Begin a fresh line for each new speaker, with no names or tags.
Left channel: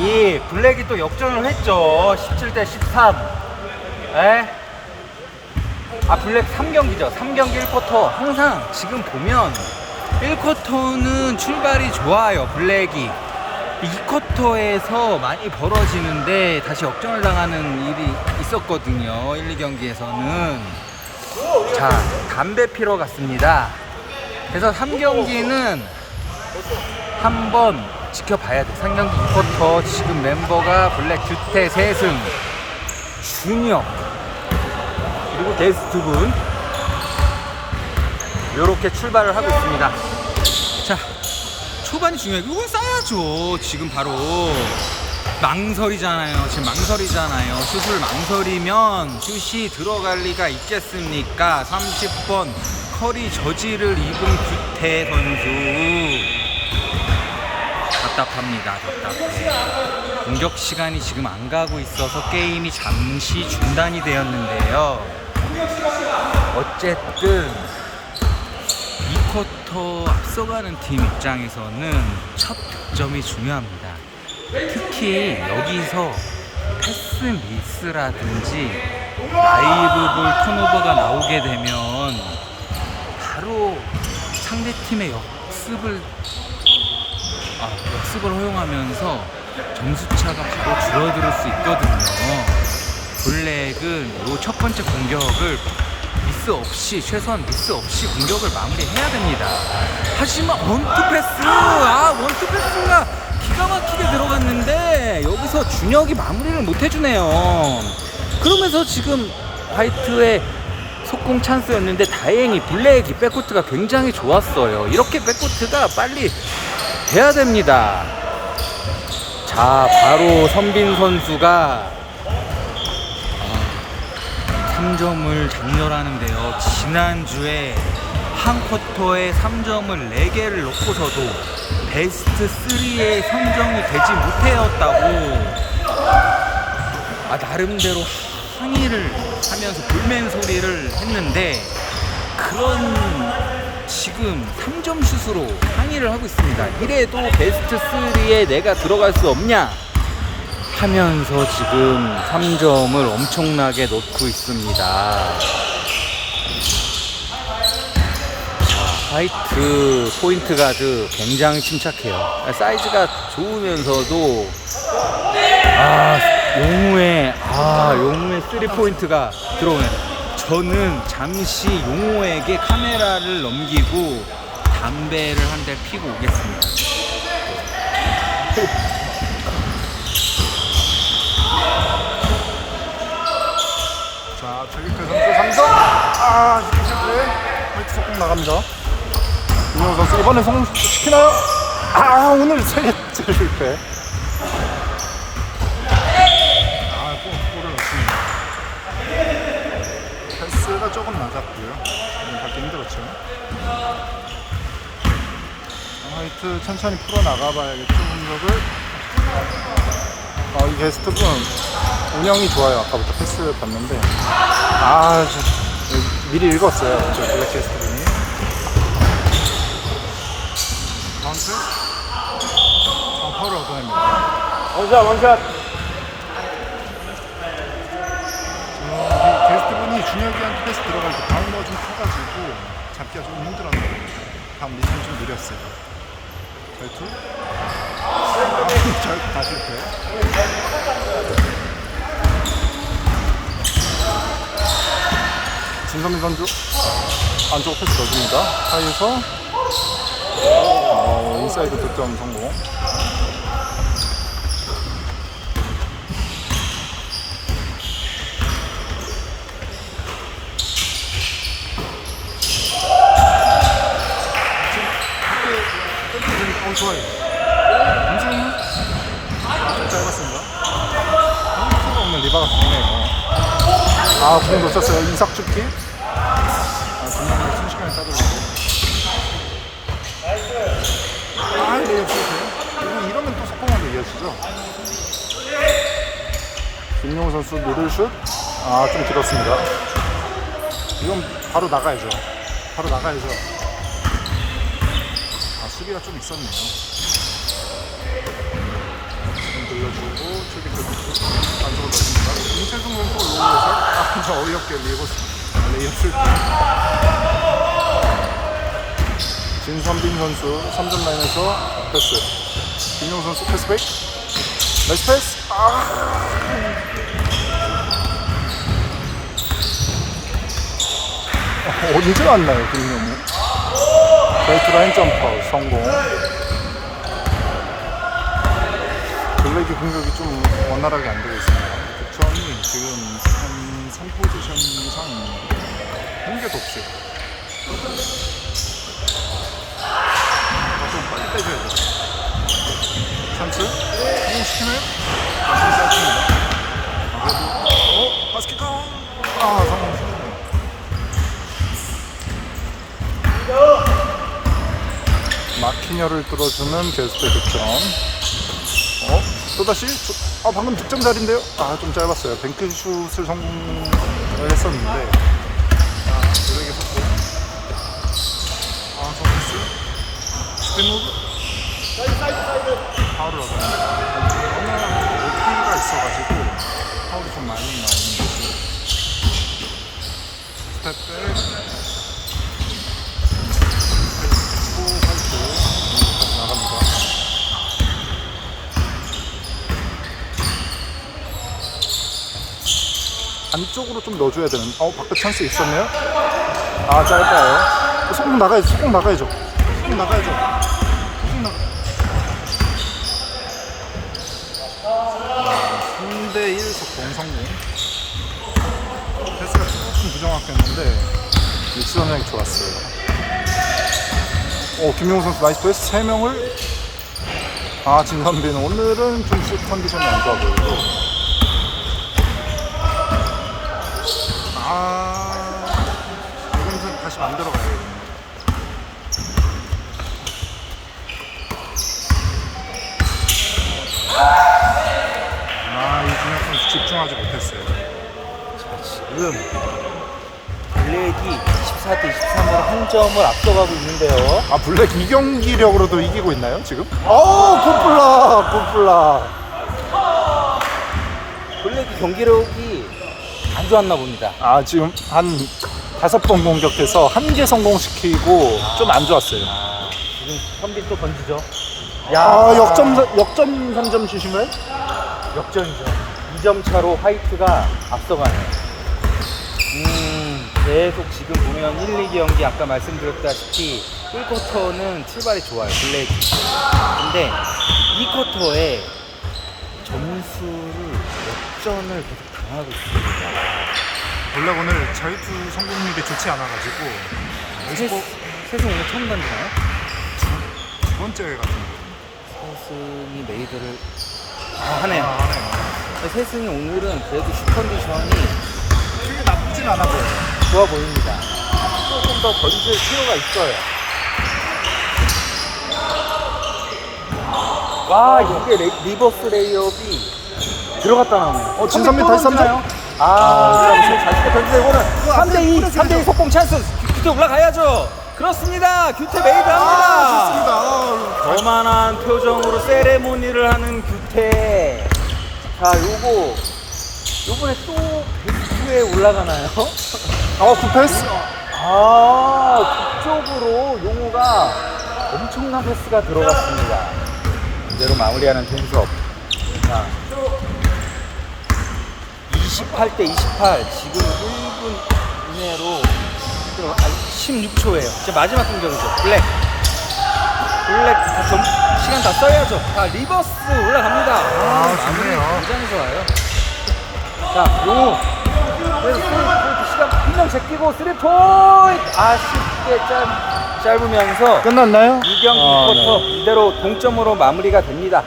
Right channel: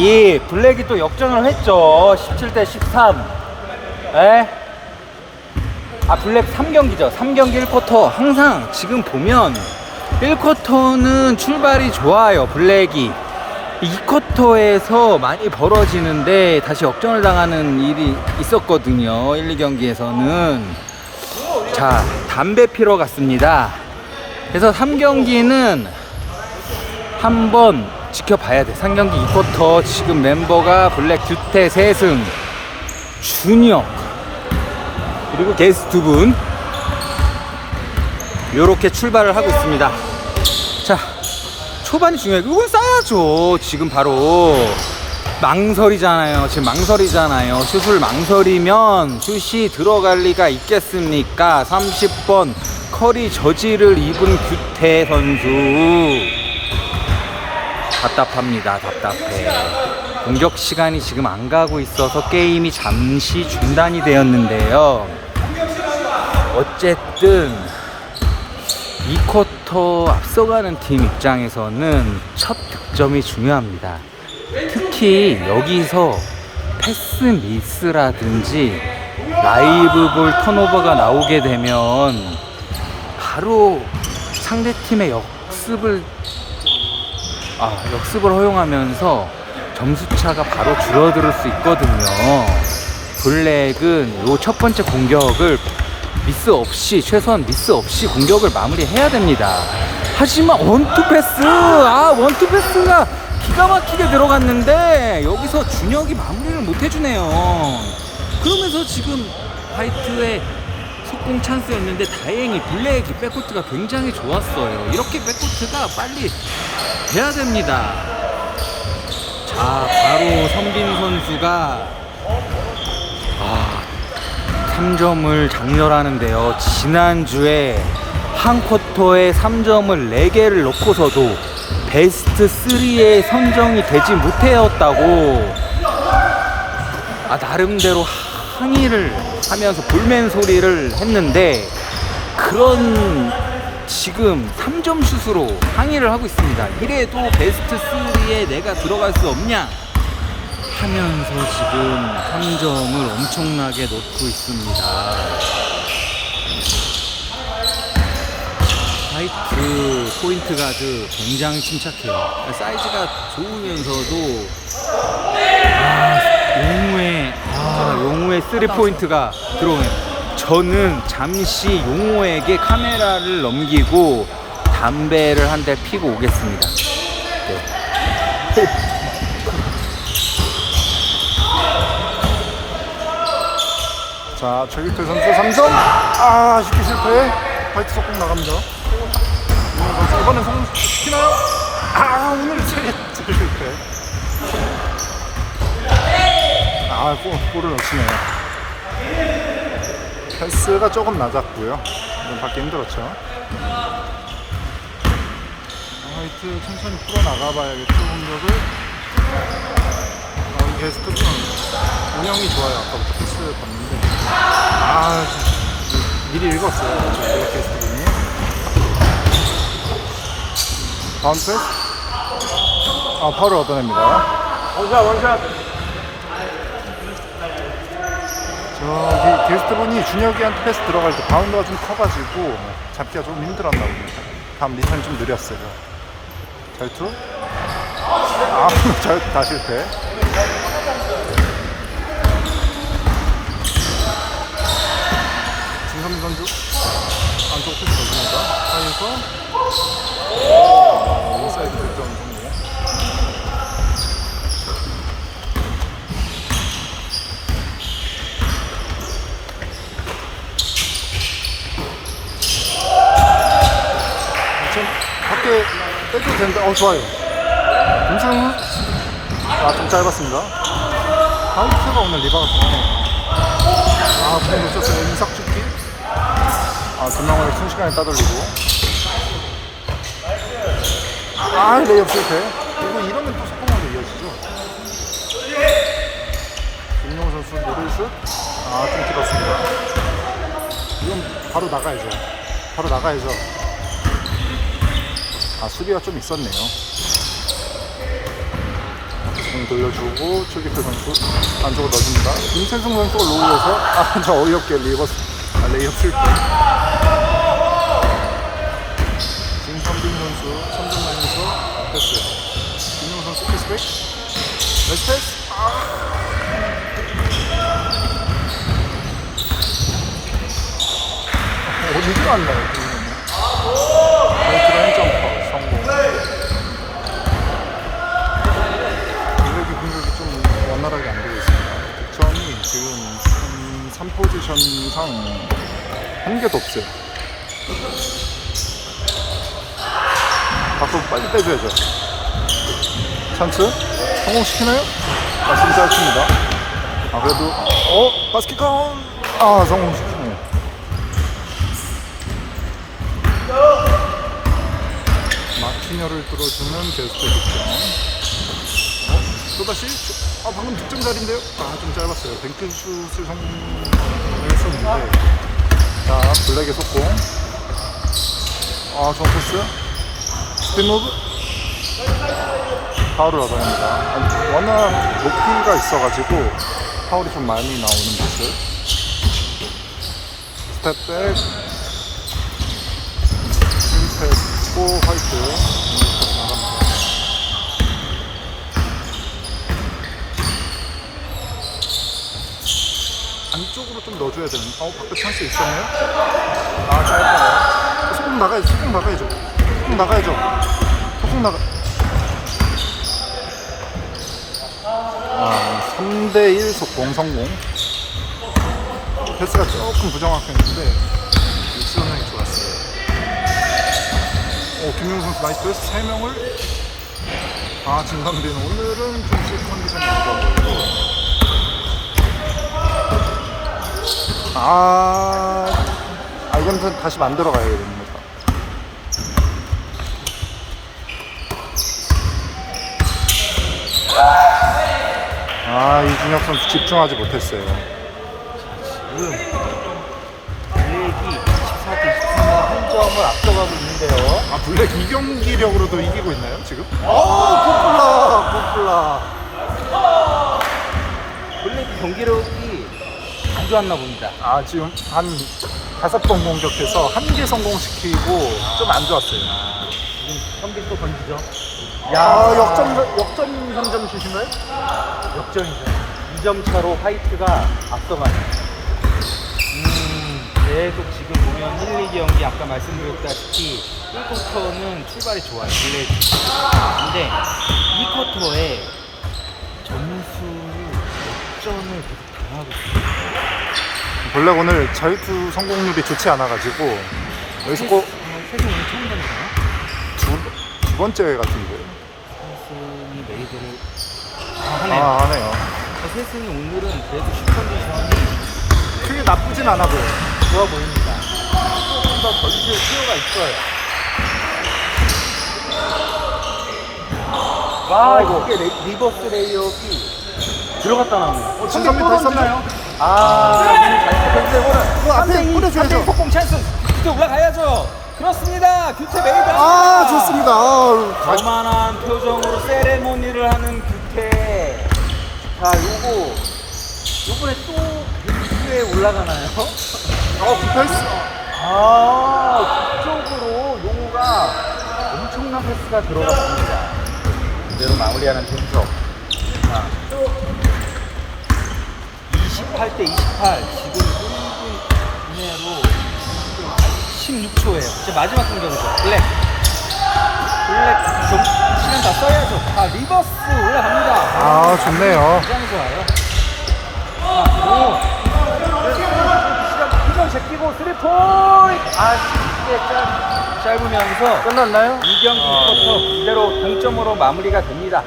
2. 블랙이 또 역전을 했죠. 17대 13. 에? 아, 블랙 3경기죠. 3경기 1쿼터. 항상 지금 보면 1쿼터는 출발이 좋아요. 블랙이. 2쿼터에서 많이 벌어지는데 다시 역전을 당하는 일이 있었거든요. 1, 2경기에서는. 자, 담배 피러 갔습니다. 그래서 3경기는 한번 지켜봐야 돼. 3경기 2쿼터 지금 멤버가 블랙 규태 세승 준영 그리고 게스트 분 요렇게 출발을 하고 있습니다. 자, 초반이 중요해요. 이건 싸야죠. 지금 바로 망설이잖아요. 지금 망설이잖아요. 슛을 망설이면 슛이 들어갈 리가 있겠습니까? 30번 커리 저지를 입은 규태 선수. 답답합니다. 답답해. 공격 시간이 지금 안 가고 있어서 게임이 잠시 중단이 되었는데요. 어쨌든 2쿼터 앞서가는 팀 입장에서는 첫 득점이 중요합니다. 특히 여기서 패스 미스라든지 라이브 볼 턴오버가 나오게 되면 바로 상대팀의 역습을 아, 역습을 허용하면서 점수차가 바로 줄어들 수 있거든요. 블랙은 요 첫 번째 공격을 미스 없이 최소한 미스 없이 공격을 마무리해야 됩니다. 하지만 원투 패스, 아 원투 패스가 기가 막히게 들어갔는데 여기서 준혁이 마무리를 못 해주네요. 그러면서 지금 화이트의 속공 찬스였는데 다행히 블랙이 백코트가 굉장히 좋았어요. 이렇게 백코트가 빨리 돼야 됩니다. 자, 바로 선빈 선수가 아, 3점을 장렬하는데요. 지난주에 한 쿼터에 3점을 4개를 넣고서도 베스트 3에 선정이 되지 못하였다고 아, 나름대로 항의를 하면서 불맨 소리를 했는데 그런 지금 3점 슛으로 항의를 하고 있습니다. 이래도 베스트 3에 내가 들어갈 수 없냐? 하면서 지금 3점을 엄청나게 넣고 있습니다. 아, 화이트 포인트 가드 굉장히 침착해요. 사이즈가 좋으면서도 아 용우의 아 용우의 3 포인트가 들어오네. 저는 잠시 용호에게 카메라를 넘기고 담배를 한 대 피고 오겠습니다. 네.
자, 최규태 선수 3점. 아, 쉽게 실패. 화이트 속공 나갑니다. 이번엔 성공 시키나요? 아, 오늘 성공 실패. 아, 골, 골을 넣치네요. 패스가 조금 낮았고요. 좀 받기 힘들었죠. 아, 화이트 천천히 풀어 나가봐야겠죠, 공격을. 아, 이 베스트분 운영이 좋아요. 아까부터 패스를 봤는데. 아, 지- 미리 읽었어요. 저 블랙 게스트분이. 바운스? 아, 파울을 얻어냅니다. 원샷, 원샷. 저기 게스트분이 준혁이한테 패스 들어갈 때 바운드가 좀 커가지고 잡기가 좀 힘들었나 봅니다. 다음 리턴이 좀 느렸어요. 잘투? 아, 잘투 다 실패. 진성민 선수 안쪽 패스 걸립니다. 사이에서 어, 인사이드 득점 성공. 좀 떼도 되는데, 어, 좋아요. 괜찮아? 아, 좀 짧았습니다. 하우스가 오늘 리바가 좋네요. 아, 공 놓쳤어요. 이삭 축기. 아, 두명을 순식간에 따돌리고. 아, 레이업 실패. 이거 이러면 또 속공으로 이어지죠. 김용 선수 미들슛. 아, 좀 길었습니다. 이건 바로 나가야죠. 바로 나가야죠. 아, 수비가 좀 있었네요. 지금 돌려주고 최기태 선수 안쪽으로 넣어줍니다. 김철승 선수가 로우에서 아 저 어이없게 리버스 아, 레이업 실패. 진선빈 선수 3점 라인에서 패스. 김용 선수 패스백. 나이스 패스. 아. 어디서 왔나요, 김용이? 한 점퍼 성공. 블랙이 공격이 좀 원활하게 안 되고 있습니다. 득점이 지금 3, 3포지션 상 한 개도 없어요. 밖으로 빨리 빼줘야죠. 찬스? 성공시키나요? 말씀 짧습니다. 아, 그래도, 어? 바스켓 아, 성공시키네요. 마키녀를 뚫어주는 제스페 득점. 어? 또다시? 아, 방금 득점 자리인데요? 아, 좀 짧았어요. 뱅크슛을 성공했었는데. 자, 블랙의 속공. 아, 정패스. 스피노브. 파울을 얻어냅니다. 워낙 높이가 있어가지고 파울이 좀 많이 나오는 모습. 스텝백. 고 화이트 여기까지 나갑니다. 안쪽으로 좀 넣어줘야 되는. 어 밖에 찬스 있었네요. 아 짧아요. 소금 나가야죠. 소금 나가야죠. 소금 나가야죠. 소금 나가. 아 3대1 속공 성공. 패스가 조금 부정확했는데 일수형이 좋았어요. 오, 김용 선수 나이스 패스 3명을 아, 진선빈 오늘은 좀슛 컨디션이 안 좋아 보여요. 아, 아, 이건 좀 다시 만들어 가야 됩니다. 아, 이준혁 선수 집중하지 못했어요.
지금 블랙 이 24대 23으로 한 점을 앞서가고 있는데요.
아, 블랙 이 경기력으로도 이기고 있나요, 지금?
어, 풋블라, 풋블라. 블랙이 경기력이 안 좋았나 봅니다.
아, 지금 한 다섯 번 공격해서 한 개 성공시키고 좀 안 좋았어요.
지금 선빈 또 던지죠.
아, 역전, 역전 선점 주시면?
역전이죠. 2점 차로 화이트가 앞서가는. 음, 계속 지금 보면 1, 2 경기 아까 말씀드렸다시피 1쿼터는 출발이 좋아요. 블랙이. 근데 2쿼터에 점수를 역전을 계속 당하고 있습니다.
블랙 오늘 자유투 성공률이 좋지 않아가지고 여기서 꼭
세승 오늘 처음 던지나요?
두, 두 번째 같은데.
세승이 메이드를 아, 하네요.
아, 하네요.
세승이 오늘은 그래도 슛 컨디션이
크게 나쁘진 않아 보여요.
좋아 보입니다. 조금 더 던질 필요가 있어요. 와, 이거 이게 레- 리버스 레이업이 들어갔다 나오네.
어, 진선민 다시 삼점.
아,
그거 앞에 뿌려줘야죠.
속공 찬스. 규태 올라가야죠. 그렇습니다. 규태 메이드 합니다.
아, 좋습니다. 아우,
거만한 표정으로 세레모니를 하는 규태. 자, 요거 요번에 또 위에 올라가나요?
아웃 패스?
아, 그쪽으로 영우가 엄청난 패스가 들어갔습니다. 이제는 마무리하는 평석. 28대 28. 지금 1분 이내로 16초예요. 이제 마지막 공격이죠. 블랙. 블랙 좀 시간 다 써야죠. 자 리버스 올라갑니다.
아,
아
좋네요.
굉장히 좋아요. 자, 공. 1점 제끼고 스리포인트 아쉽게 좀 짧으면서
끝났나요?
2경 2쿼터 이대로 동점으로 마무리가 됩니다.